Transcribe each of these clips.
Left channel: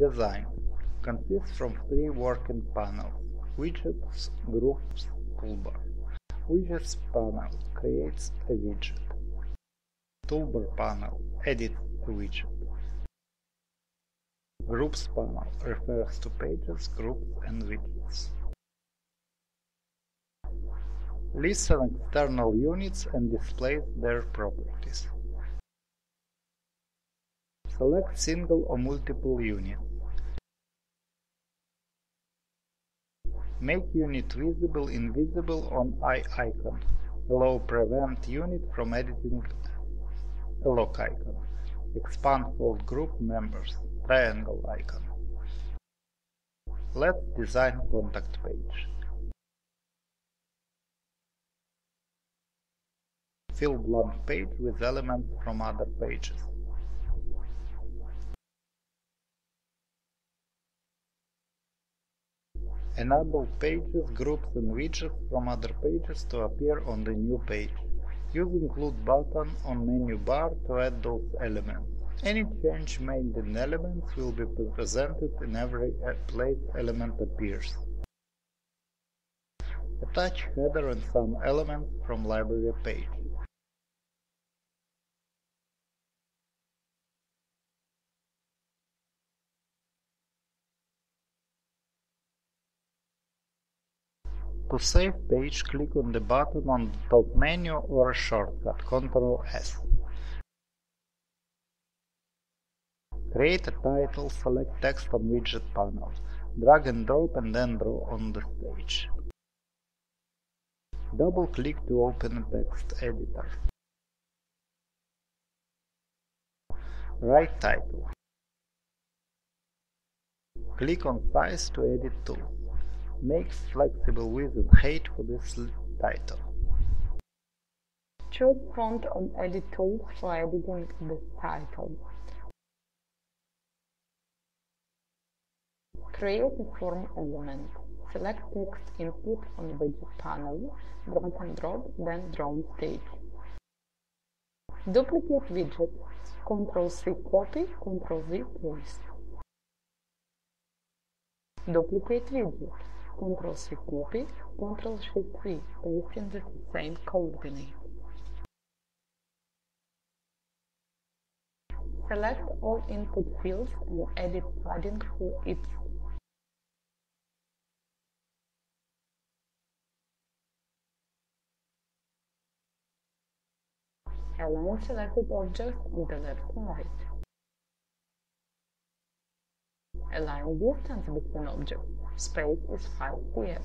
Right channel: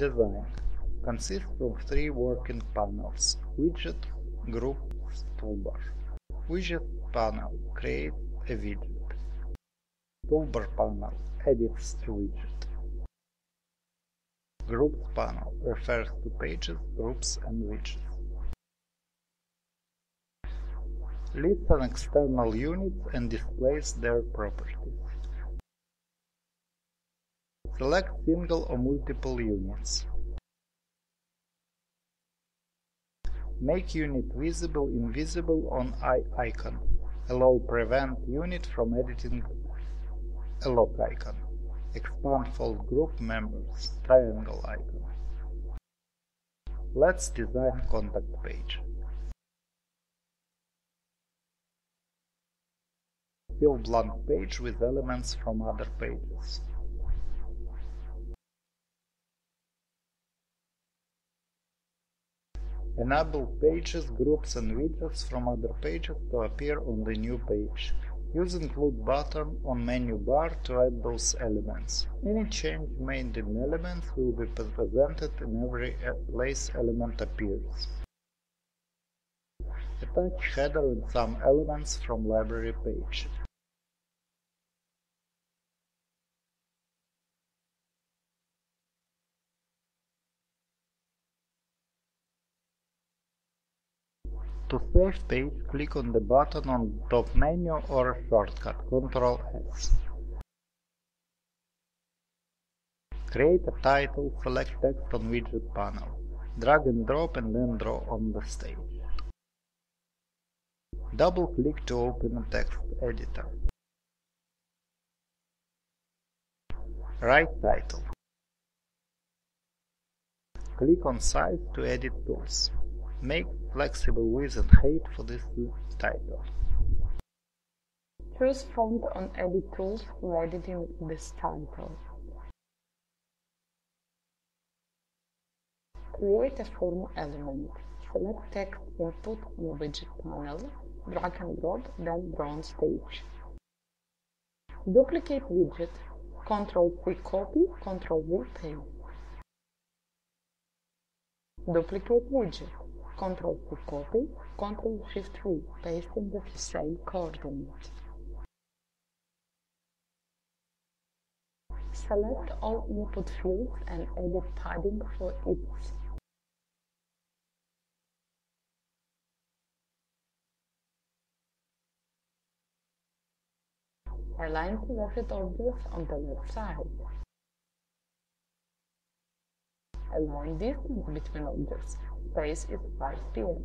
Design consists from three working panels: Widgets, Groups, Toolbar. Widgets panel creates a widget. Toolbar panel edits a widget. Groups panel refers to pages, groups, and widgets. Lists an external units and displays their properties. Select single or multiple units. Make unit visible invisible on eye icon. Allow prevent unit from editing a lock icon. Expand fold group members, triangle icon. Let's design contact page. Fill blank page with elements from other pages. Enable pages, groups and widgets from other pages to appear on the new page. Use include button on menu bar to add those elements. Any change made in elements will be presented in every place element appears. Attach header and some elements from library page. To save page, click on the button on the top menu or a shortcut, Ctrl S. Create a title, select text on widget panel. Drag and drop and then draw on the stage. Double-click to open a text editor. Write title. Click on Size to edit tools. Make flexible width and height for this title. Choose font on Edit Tools for editing this title. Create a form element. Select text input on widget panel, drag and drop, then draw on stage. Duplicate widget, Ctrl-C copy, Ctrl-V paste. Duplicate widget, Ctrl-C copy, Ctrl-Shift-V, pasting the same coordinate. Select all input fields and edit padding for each. Align selected objects on the left side. Align distance between objects. Space is 5 px.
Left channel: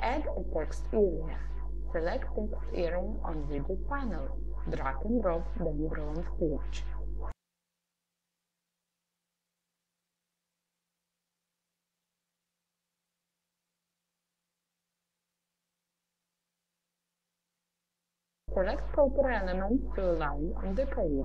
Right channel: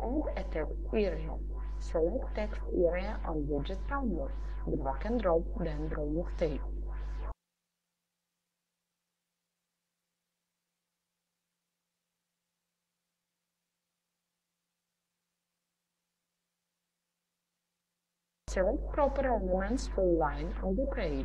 Add a text area. Select text area on widget panel. Drag and drop, then draw on stage. Select proper elements to align on the page.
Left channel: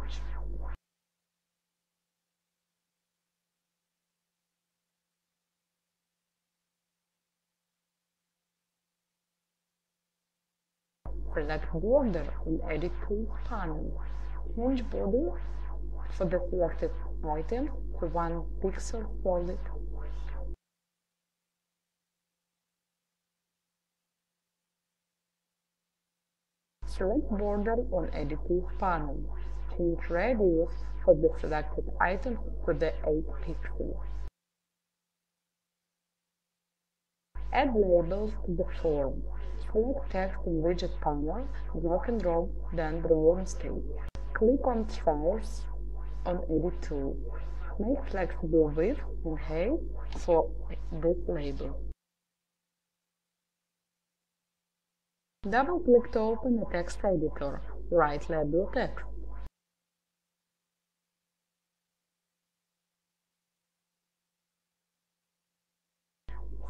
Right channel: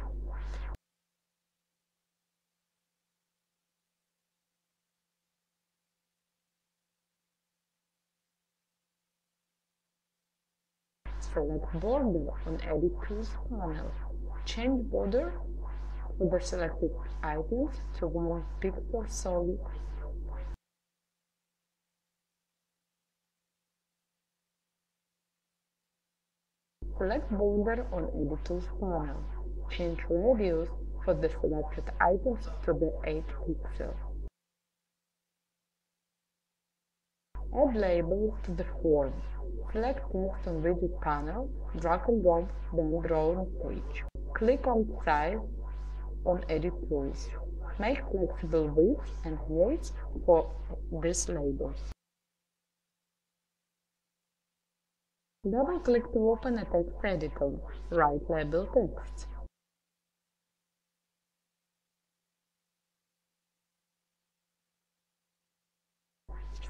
Select Border on Edit Tools panel. Change border for the selected items to 1 pixel solid. Select Border on Edit Tools panel. Change radius for the selected items to the 8 pixel. Add labels to the form. Select text on widget panel, drag and drop, then draw on stage. Click on Size on Edit Tools. Make flexible width and height for this label. Double-click to open a text editor. Write label text.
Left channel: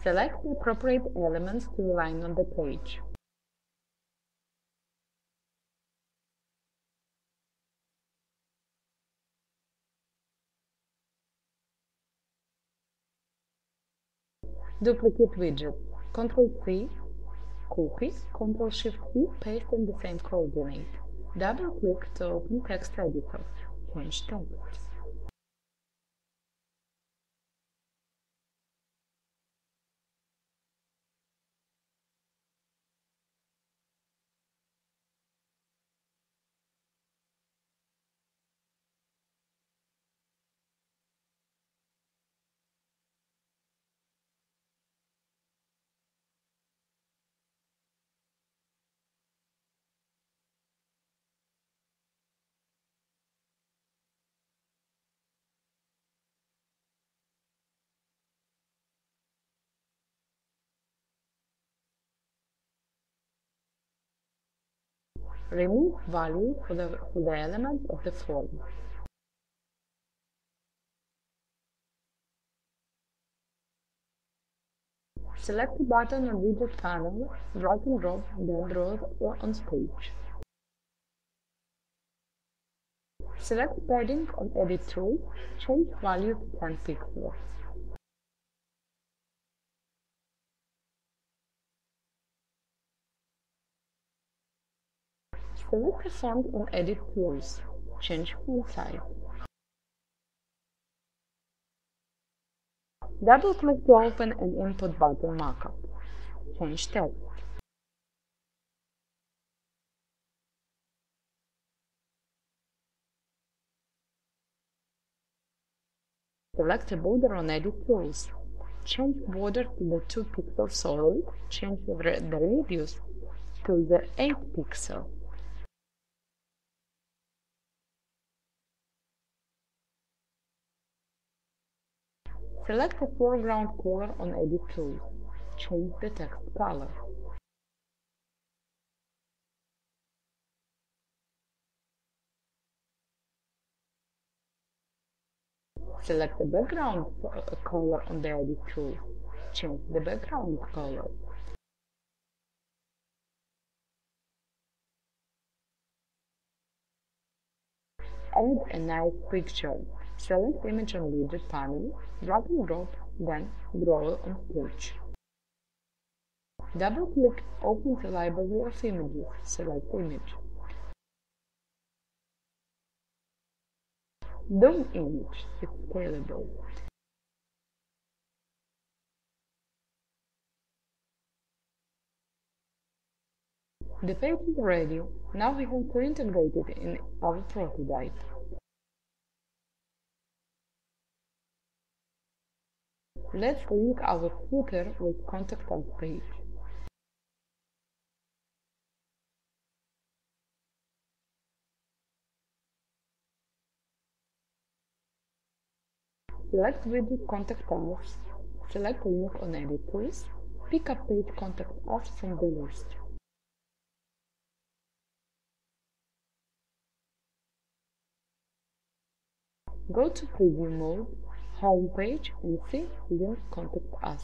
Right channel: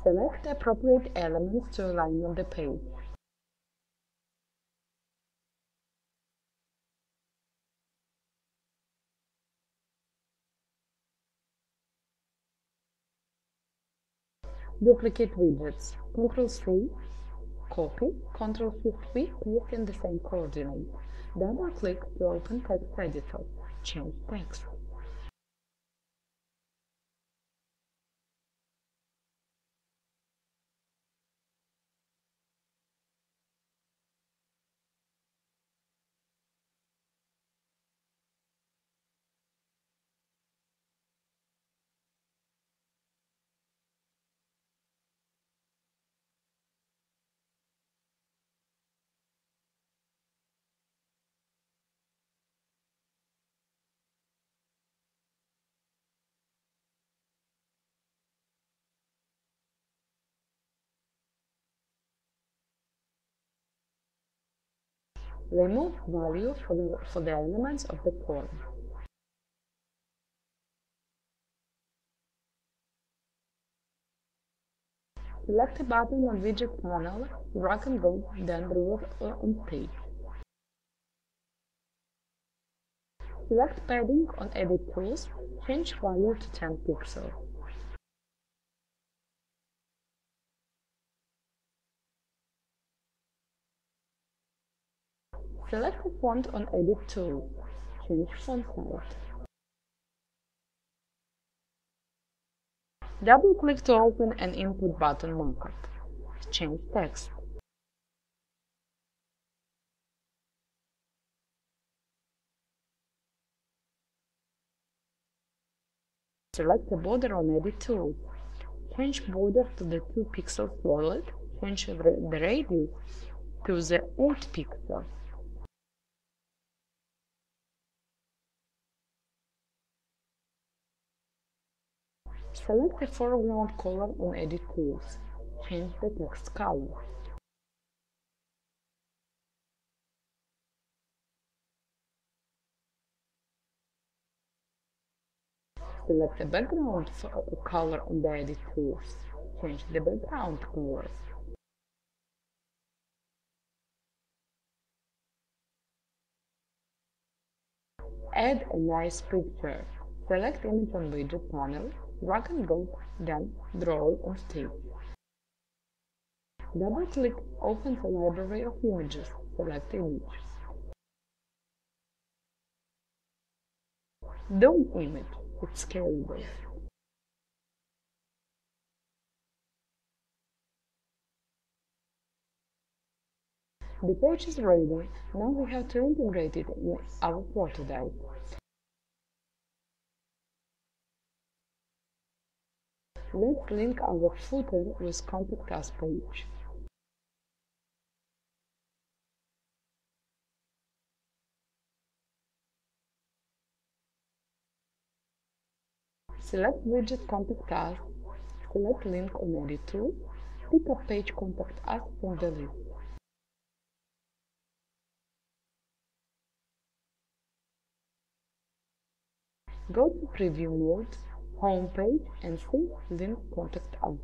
Select the appropriate elements to align on the page. Duplicate widgets. Ctrl-C, Copy, Ctrl-Shift-V, paste in the same coordinate. Double-click to open text editor. Change text. Remove value for the elements of the form. Select a button on widget panel, drag and drop, then draw it on stage. Select padding on Edit Tools, change value to 10 pixels. Select a font on Edit Tools, change font size. Double-click to open an input button markup. Change text. Select a border on Edit Tools. Change border to the 2 pixel solid, change the radius to the 8 pixel. Select a foreground color on Edit Tools. Change the text color. Select the background color on the Edit Tools. Change the background color. Add a nice picture. Select image on widget panel, drag and drop, then draw on stage. Double-click, open the library of images, select image. Dome image, it's scalable. The page is ready, now we have to integrate it in our prototype. Let's link our footer with Contact Us page. Select widget Contact Us, select link on Edit Tools, pick up page Contact Us from the list. Go to Preview mode, Home page and see link Contact Us.